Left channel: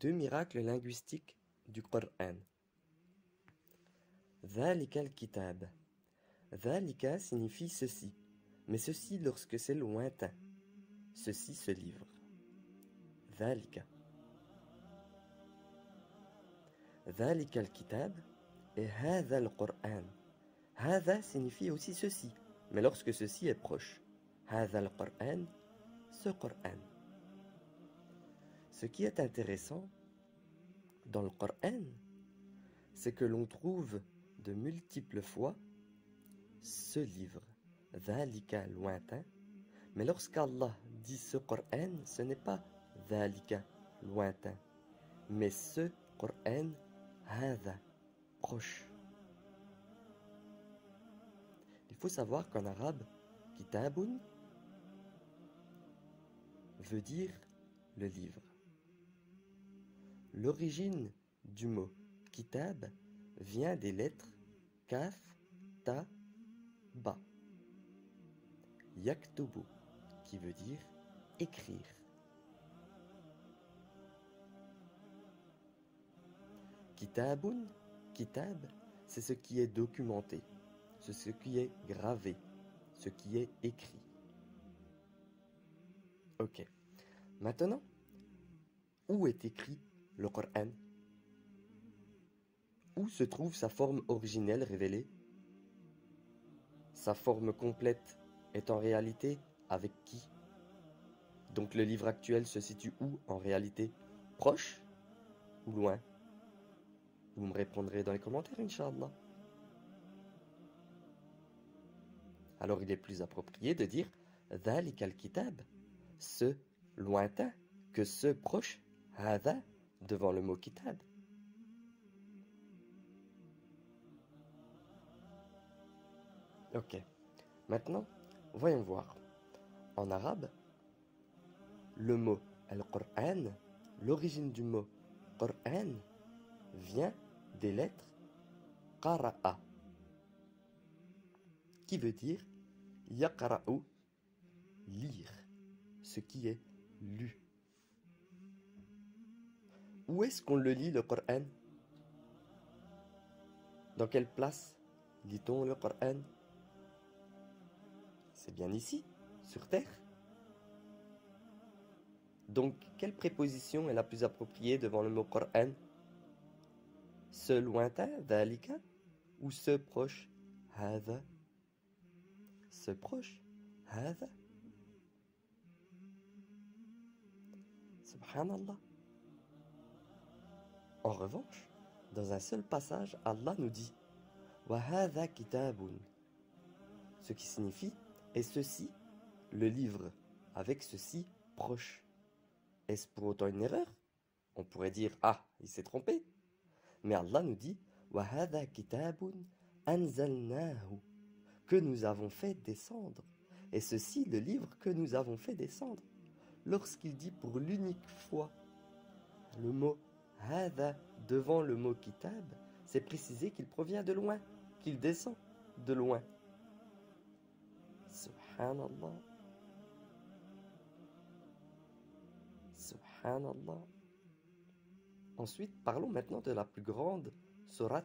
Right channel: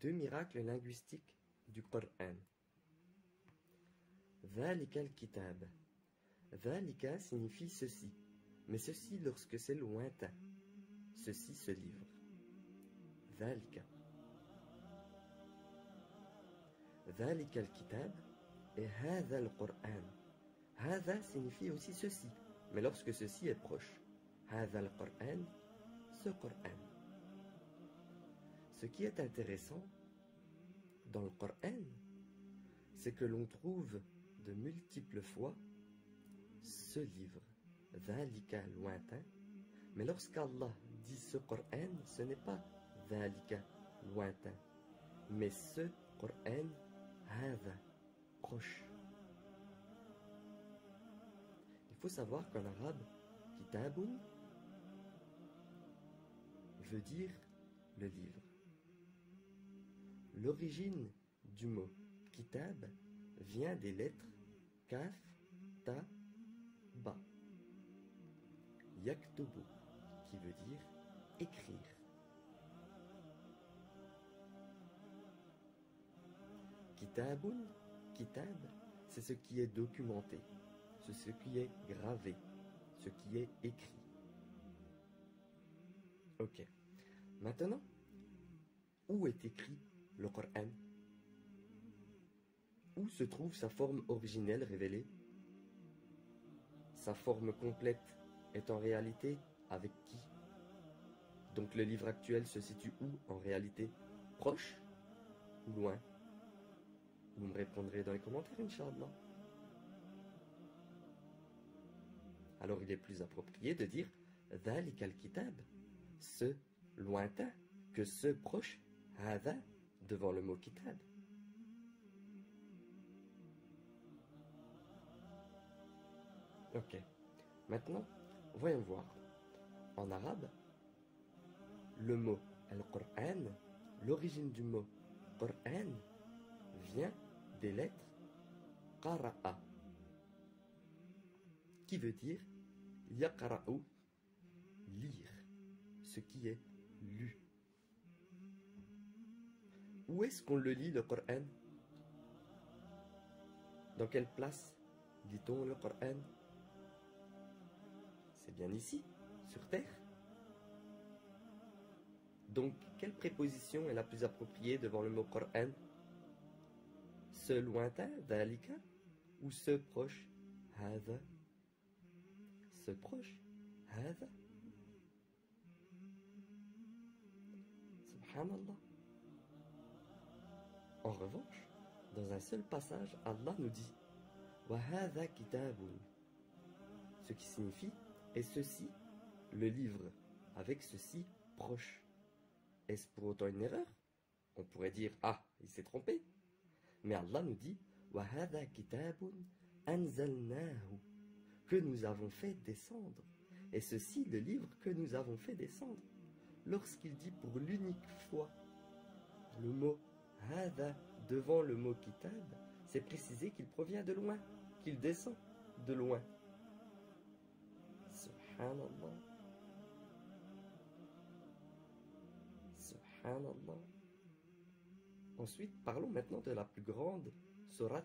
Deux miracles linguistiques du Coran. Dhalika al-kitab. Dhalika signifie ceci, mais ceci lorsque c'est lointain. Ceci ce livre. Dhalika. Dhalika al-kitab et hadha al-Qur'an. Hadha signifie aussi ceci, mais lorsque ceci est proche. Hadha al-Qur'an, ce Qur'an. Ce qui est intéressant dans le Coran, c'est que l'on trouve de multiples fois ce livre, Dhalika lointain, mais lorsqu'Allah dit ce Coran, ce n'est pas Dhalika lointain, mais ce Coran, Hadha, proche. Il faut savoir qu'en arabe, Kitabun veut dire le livre. L'origine du mot kitab vient des lettres kaf, ta, ba. Yaktubu, qui veut dire écrire. Kitabun, kitab, c'est ce qui est documenté, c'est ce qui est gravé, ce qui est écrit. Ok. Maintenant, où est écrit le Coran? Où se trouve sa forme originelle révélée? Sa forme complète est en réalité avec qui? Donc le livre actuel se situe où en réalité? Proche ou loin? Vous me répondrez dans les commentaires, Inch'Allah. Alors il est plus approprié de dire Dhalika al-kitab, ce lointain, que ce proche, Hadha, devant le mot kitab. Ok, maintenant, voyons voir. En arabe, le mot al-Qur'an, l'origine du mot Qur'an, vient des lettres Qara'a, qui veut dire Yaqra'u, lire, ce qui est lu. Où est-ce qu'on le lit, le Coran? Dans quelle place lit-on le Coran? C'est bien ici, sur terre. Donc, quelle préposition est la plus appropriée devant le mot Coran? Ce lointain, dhalika, ou ce proche, hadha? Ce proche, hadha? Subhanallah. En revanche, dans un seul passage, Allah nous dit Wa hadha kitabun, ce qui signifie et ceci, le livre, avec ceci proche. Est-ce pour autant une erreur? On pourrait dire ah, il s'est trompé. Mais Allah nous dit Wa hadha kitabun anzalnahu, que nous avons fait descendre. Et ceci, le livre que nous avons fait descendre. Lorsqu'il dit pour l'unique fois le mot Hadha devant le mot kitab, c'est précisé qu'il provient de loin, qu'il descend de loin. Subhanallah. Subhanallah. Ensuite, parlons maintenant de la plus grande sourate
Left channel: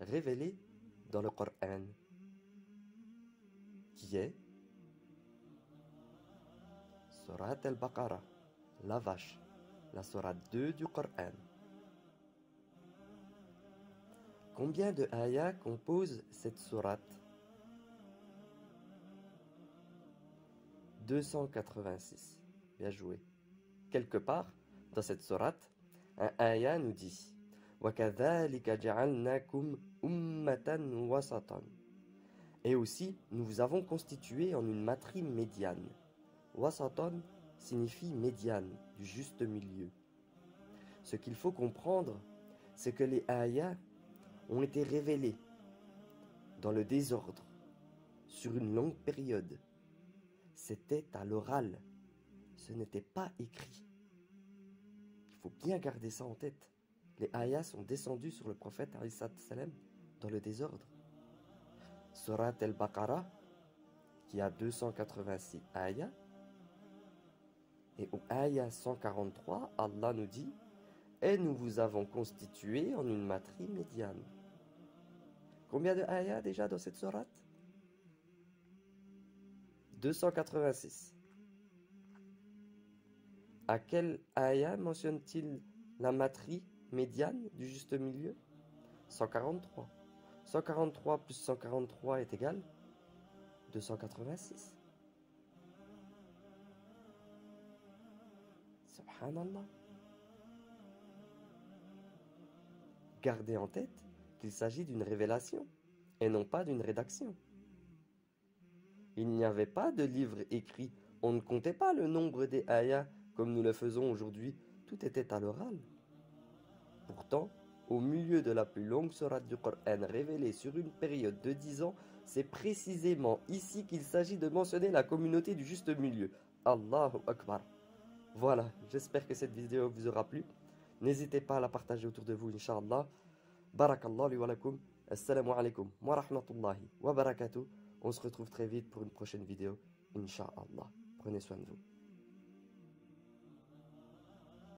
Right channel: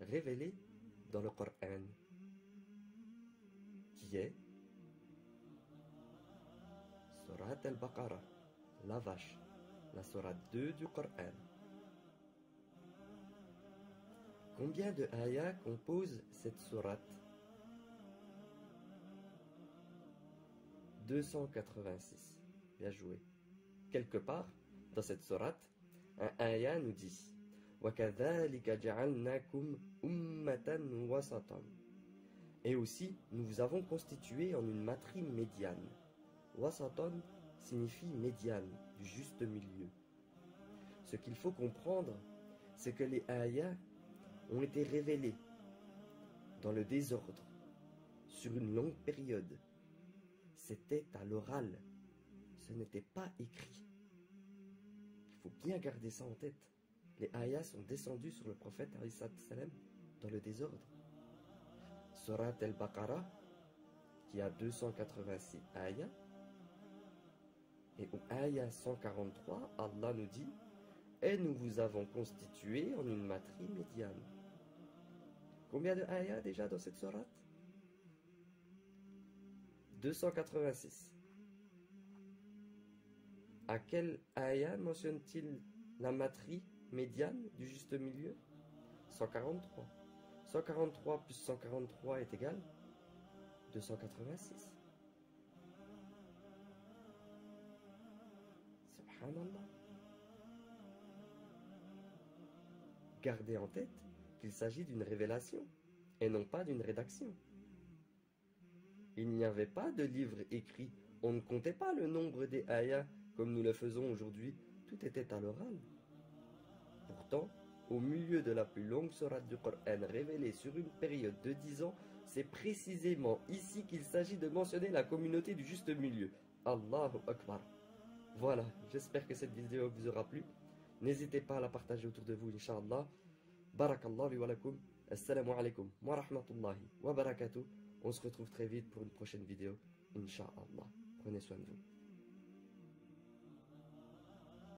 révélée dans le Coran, qui est Sourate al-Baqarah, la vache, la sourate 2 du Coran. Combien de ayats compose cette sourate? 286. Bien joué. Quelque part, dans cette sourate, un ayat nous dit وَكَذَلِكَ جَعَلْنَاكُمْ أُمَّةً وَسَطًا. Et aussi, nous vous avons constitué en une matrie médiane. Wasatan signifie médiane, du juste milieu. Ce qu'il faut comprendre, c'est que les ayats ont été révélés dans le désordre, sur une longue période. C'était à l'oral, ce n'était pas écrit. Il faut bien garder ça en tête. Les ayats sont descendus sur le prophète salam dans le désordre. Surat al-Baqarah, qui a 286 ayats, et au ayat 143, Allah nous dit et nous vous avons constitué en une matrice médiane. Combien de ayats déjà dans cette sourate? 286. À quel ayat mentionne-t-il la matrice médiane du juste milieu? 143. 143 plus 143 est égal 286. Subhanallah. Gardez en tête qu'il s'agit d'une révélation et non pas d'une rédaction. Il n'y avait pas de livre écrit, on ne comptait pas le nombre des ayats comme nous le faisons aujourd'hui, tout était à l'oral. Pourtant, au milieu de la plus longue sourate du Coran révélée sur une période de 10 ans, c'est précisément ici qu'il s'agit de mentionner la communauté du juste milieu. Allahu Akbar. Voilà, j'espère que cette vidéo vous aura plu. N'hésitez pas à la partager autour de vous, Inch'Allah. Barakallahu li wa lakum. Assalamu alaikum wa rahmatullahi wa barakatuh. On se retrouve très vite pour une prochaine vidéo, Inch'Allah. Prenez soin de vous.